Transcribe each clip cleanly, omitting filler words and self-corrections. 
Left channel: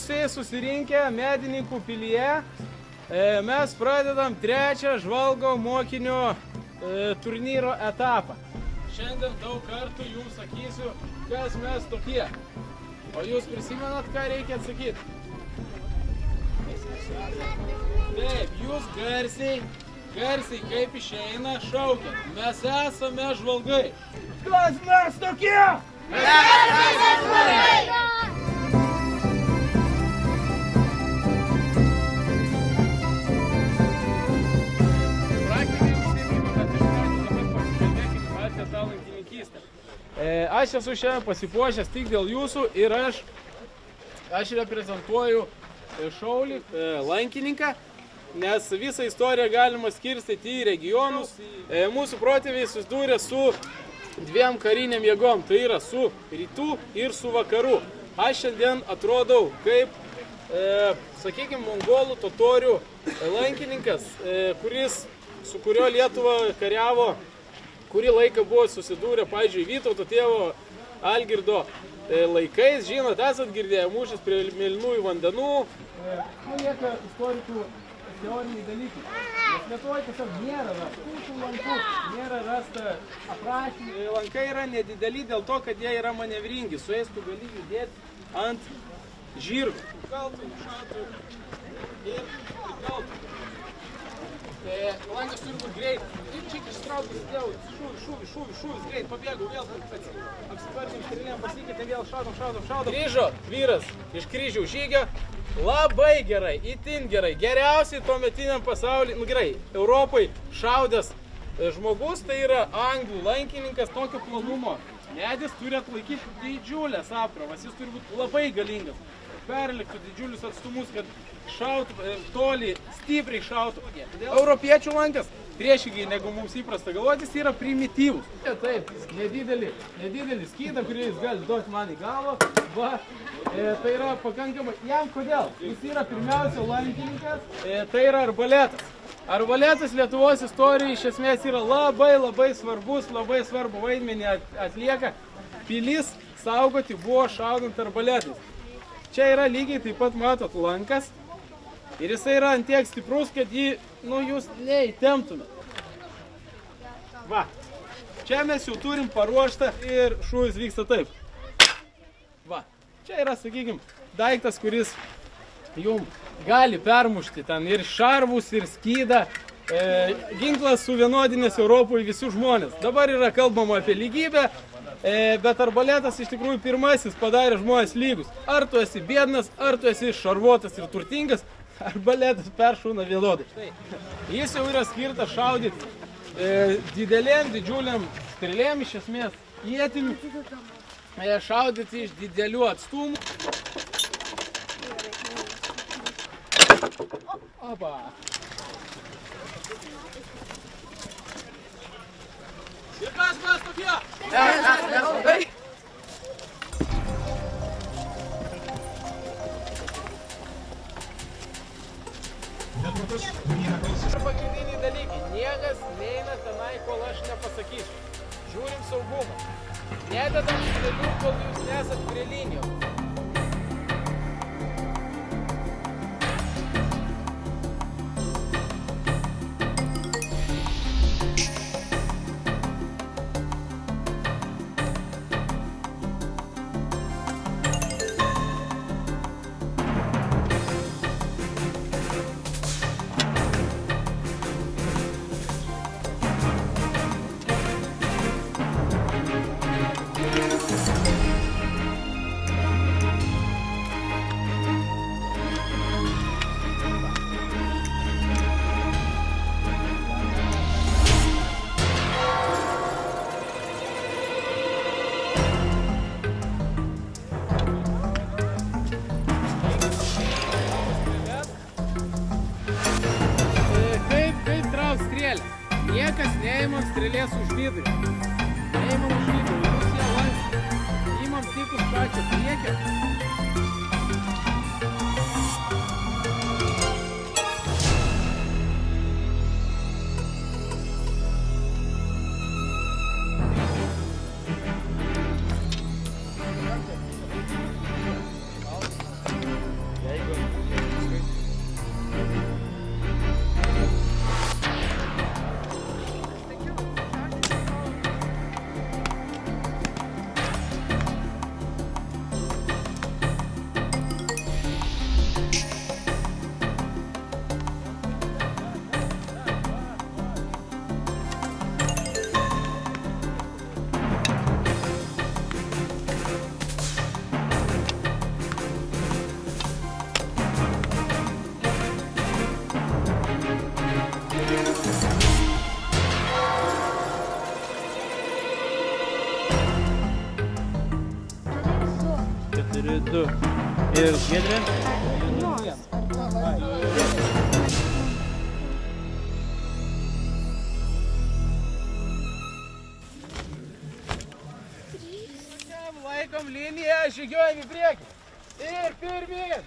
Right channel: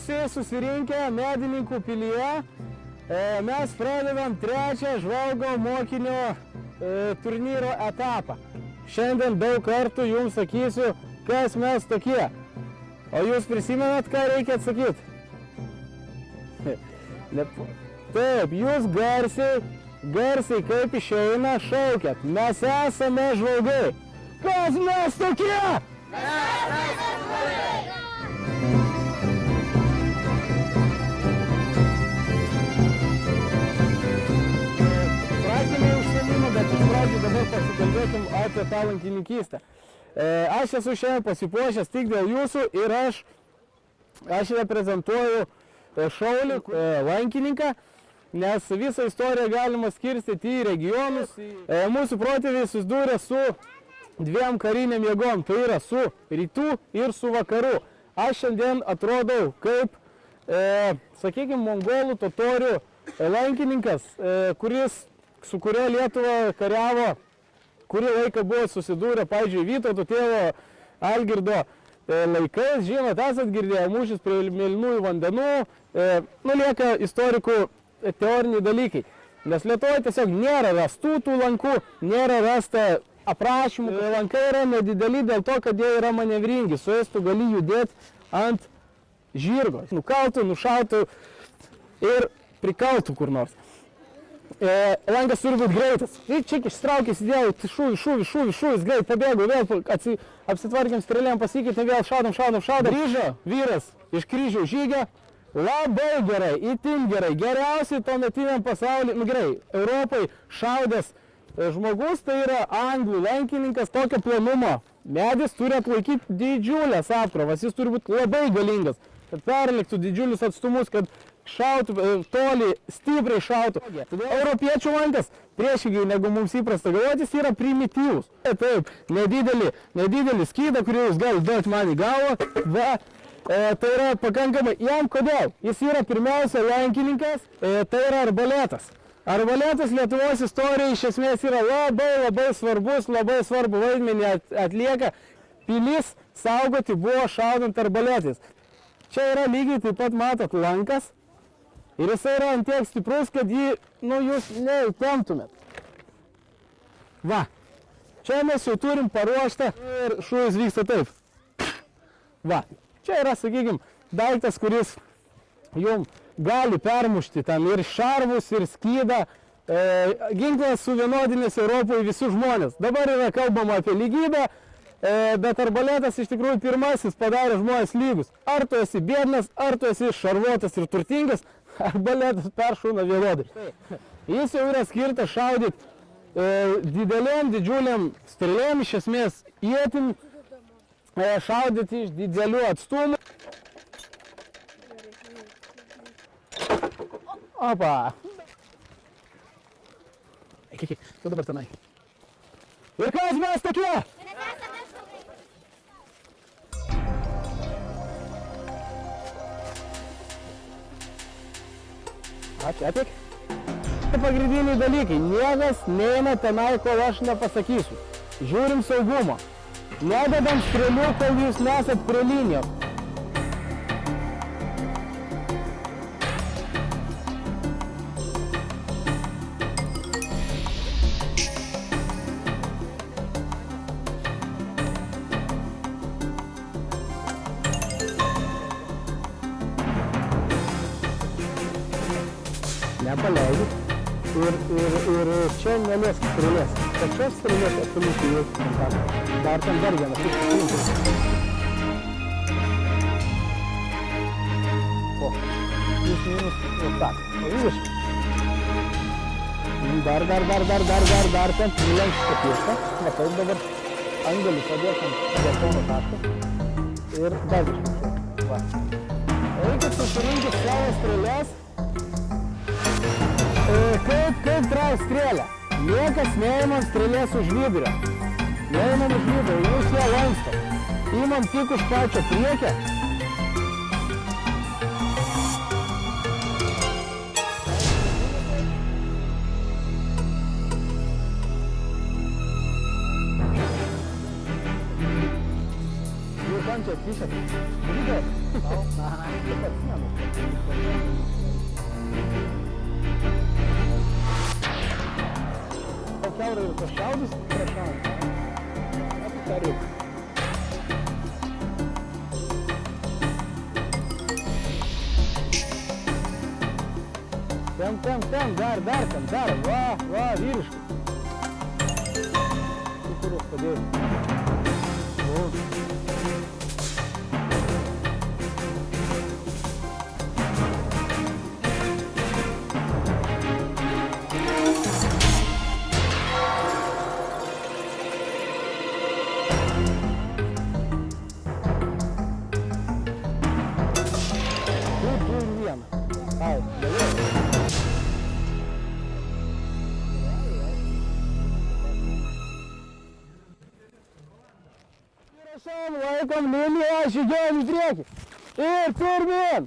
visi susirinkę Medininkų pilyje. Mes pradedam trečią žvalgo mokinio turnyro etapą. Šiandien daug kartų jums sakysiu, kas mes tokie. O jūs prisimenat, ką reikia atsakyti? Taip, jūs garsiai kaip išeina šaukiat. Mes esame žvalgai. Kas mes tokie? Mes esame žvalgai! Apie tą lankininkystę. Aš esu šiandien pasipuošęs tik dėl jūsų ir aš reprezentuoju šaulį lankininką, nes visą istoriją galima skirstyti į regionus. Mūsų protėviai susidūrė su dviem kariniam jėgom, tai yra su rytų ir su vakarų. Aš šiandien atrodau kaip, sakykime, mongolų totorių lankininkas, su kurio Lietuva kariavo, kurį laiką buvo susidūrę, pavyzdžiui, Vytauto tėvo Algirdo laikais. Žinot, esat girdėję mūšis prie Mėlynųjų vandenų. Lieka istorikų teoriniai dalykai. Nes Lietuvoje tiesiog nėra rastų tų lankų, nėra rasta aprašymų. Lankai yra nedideli dėl to, kad jie yra manevringi. Su jais tu gali judėti ant žirgo. Nukaltų, nušautų ir prikaltų kur nors. Lankas turi būti greitas. Čik ištraukė, įsidėjau, šūvis, greit, pabėgau, vėl apsitvarkėm strėlėm, pasikeitė, vėl šaudom. Grįžo vyras iš kryžiaus žygio. Labai gerai, itin gerai. Geriausiai tuometiniam pasaulyje, gerai, Europai šaudęs žmogus, tai yra anglų lankininkas tokio planumo. Medis turi atlaikyti didžiulės apkrovas, jis turi būti labai galingas, kad perliktų didžiulius atstumus, kad šautų toli, stipriai šautų. Europiečių lankas, priešingai negu mums įprasta galvoti, jis yra primityvus. Taip, nedidelį skydą, kurį jūs galite duoti man į galvą. Tai yra pakankamai. Jam kodėl? Jis yra pirmiausia lankininkas, tai yra arbaletas. Arbaletas Lietuvos istorijai iš esmės yra labai svarbus, labai svarbu vaidmenį atlieka. Pilis saugoti buvo šaudant arbaletais. Čia yra lygiai taip pat matot lankas. Ir jisai yra ant tiek stiprus, kad jį, jūs neįtemptumėt. Va. Čia mes jau turim paruoštą ir šūvis vyksta taip. Va. Čia yra, sakykime, daiktas, kuris jums gali permušti tam ir šarvus, ir skydą. Ginklas suvienodinės Europoje visus žmonės. Dabar yra kalbama apie lygybę, bet arbaletas iš tikrųjų pirmasis padarė žmonės lygus. Ar tu esi biednas, ar tu esi šarvuotas ir turtingas, arbaletas peršauna vienodai. Jis jau yra skirtas šaudyti didžiuliam strėlėm, iš esmės ietim, šaudyti iš didelių atstumų. Opa! Kur dabar tenai? Ir kas mes tokie? Čia pagrindiniai dalykai. Niekas neina tenai, kol aš nepasakysiu. Žiūrim saugumo. Nededam strėlių, kol jūs nesat prie linijos. Dar ten priems pakeista, matau dabar angelį padėtum ir kaip trauk strėlę? Niekas neima strėlės už vidurio. Neimam už vidurio, jūs ją lanksto. Imam tik už pačią priekę. Thank you. Laikom liniją, žygiuojam į priekį. Ir pirmin.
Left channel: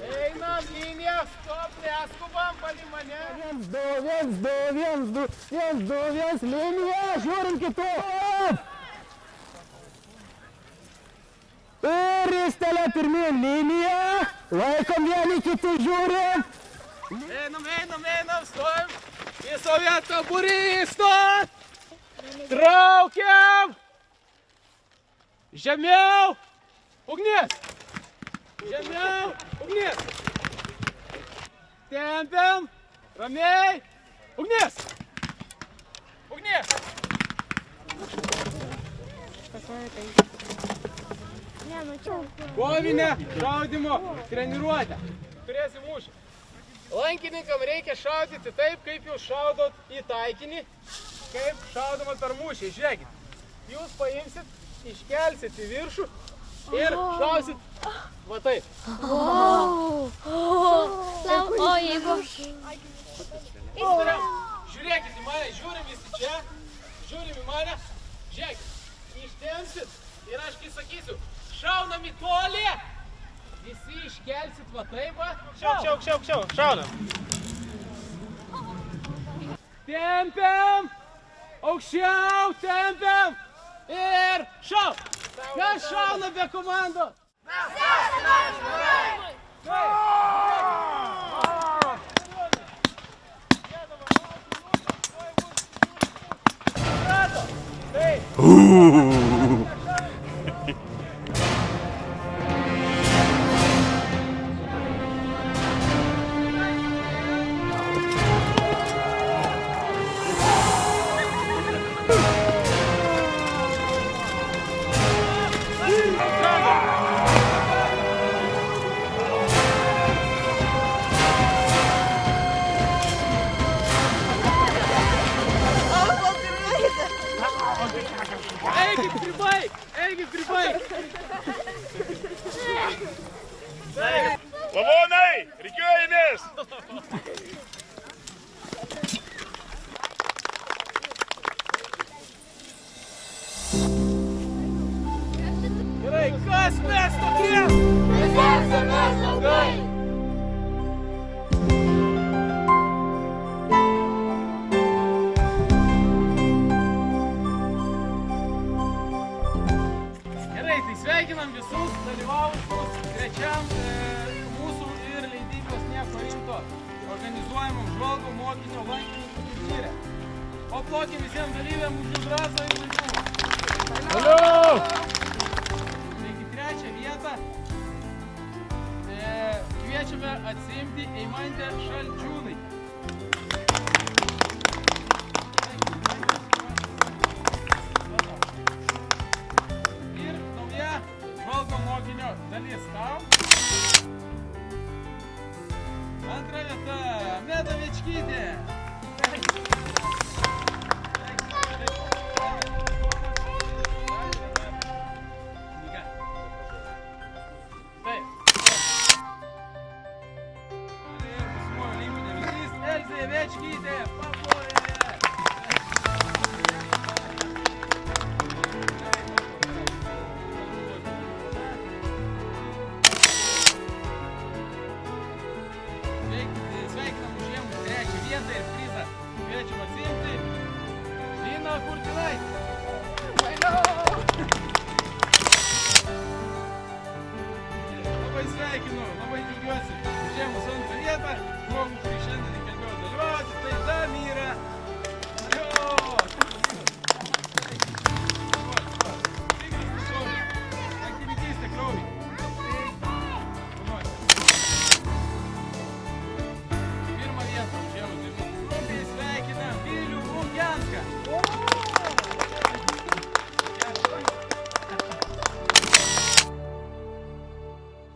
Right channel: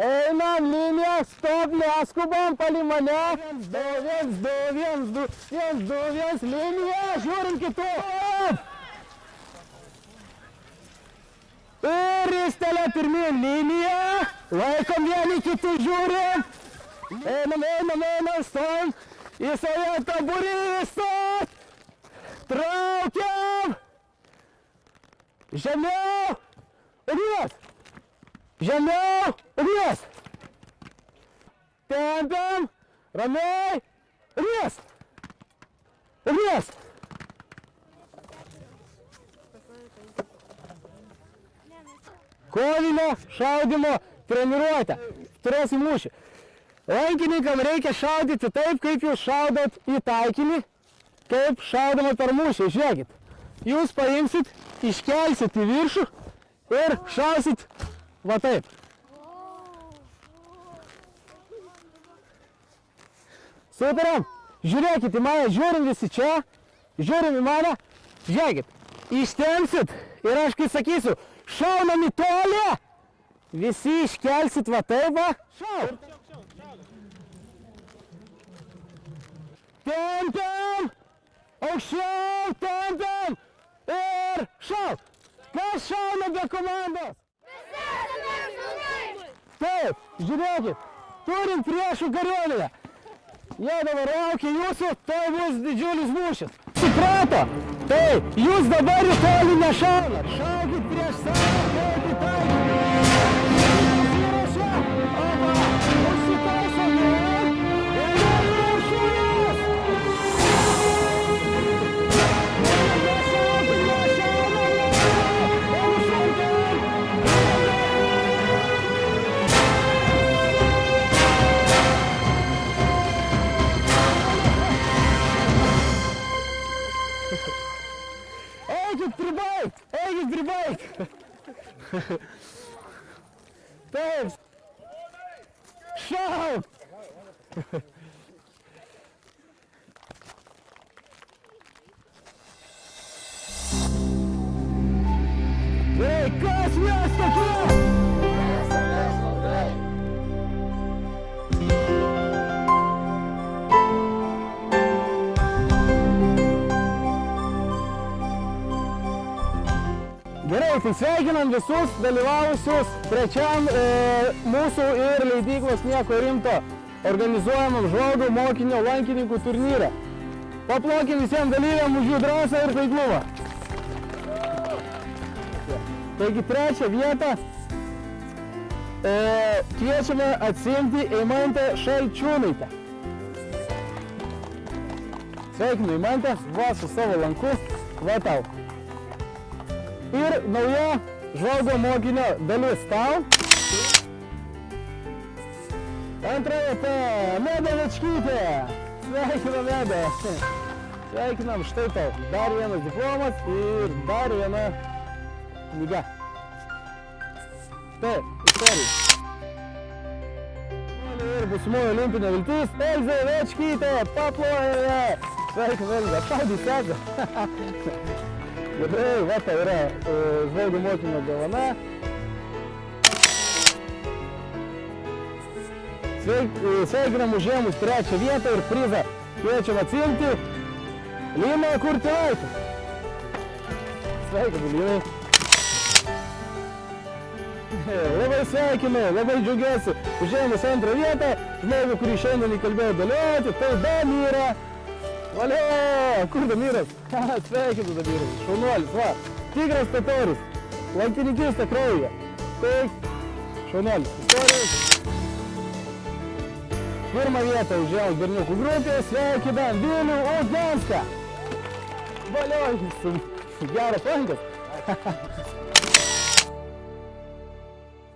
Einam liniją, stop, neskubam, palį mane. 1, 2, 1, 2, 1, 2, 1, 2, 1, linija, žiūrim kitų. Ir ristelė pirmin liniją. Laikom vieni kitų, žiūrim. Einam, stojam. Į savo vietą, būrys, stot. Traukiam. Žemiau. Ugnies. Žemiau. Ugnies. Tempiam. Ramiai. Ugnies. Ugnies. Kovinę šaudymo treniruotę. Turėsim mūšį. Lankininkam reikia šaudyti taip, kaip jūs šaudot į taikinį, kaip šaudama per mūšį. Žiūrėkit, jūs paimsit, iškelsit į viršų ir šausit va taip. Sutariam, žiūrėkit į mane, žiūrim visi čia, žiūrim į mane, žiūrėkit, ištempsit ir aš kai sakysiu, šaunam į tolį, visi iškelsit va taip va. Aukščiau, šaunam. Tempiam, aukščiau, tempiam ir šauk. Kas šauna be komandos? Taip, žiūrėkit, turim priešų kariuomenę. Jie dabar laukia jūsų, tai bus didžiulis mūšis. Suprato? Taip, jūs dabar į tolį nešaunat. Šaukit prieš save. Lavonai, rikiuojamės! Kas mes tokie? Gerai, tai sveikinam visus dalyvavusius trečiam mūsų ir leidyklos Nieko rimto organizuojamam žvalgo mokinio lankininkų turnyre. Paplokim visiems dalyviam už jų drąsą ir taiklumą. Taigi trečią vietą kviečiame atsiimti Eimantę Šalčiūnaitę. Sveikinu Eimantę, va su savo lanku, va tau. Ir nauja žvalgo mokinio dalis tau. Antra vieta, Meda Večkytė. Sveikinam Medą. Sveikinam, štai tau. Dar vienas diplomas ir dar viena knyga. Taip, istorija. Ir būsimoji olimpinė viltis, Elzė Večkytė, paplojame. Sveikinam Elzė, tau dukada. Gerai, va tai yra žvalgo mokinio dovana. Sveikinam užėmus trečią vietą ir prizą kviečiam atsiimti Limą Kurtaitę. Sveikinam, Limą. Labai sveikinu, labai džiaugiuosi užėmus antrą vietą. Žmogų, kurį šiandien įkalbėjau dalyvauti, tai Damira. Valio, kur Damiras? Sveikinu Damiras. Šaunuolis, va. Tigras Totorius. Lankininkystė kraujyje. Taip, šaunuolis. Pirmą vietą užėmus berniukų grupė. Sveikinam Vilių Uzdenską. Valio, geras šaunuolis.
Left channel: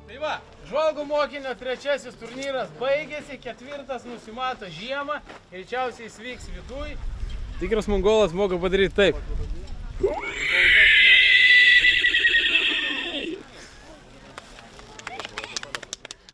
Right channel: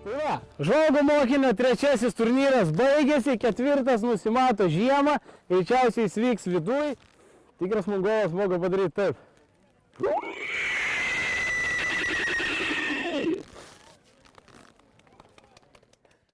Tai va, žvalgo mokinio trečiasis turnyras baigėsi, ketvirtas nusimato žiemą, greičiausiai jis vyks viduj. Tikras mongolas moka padaryti taip.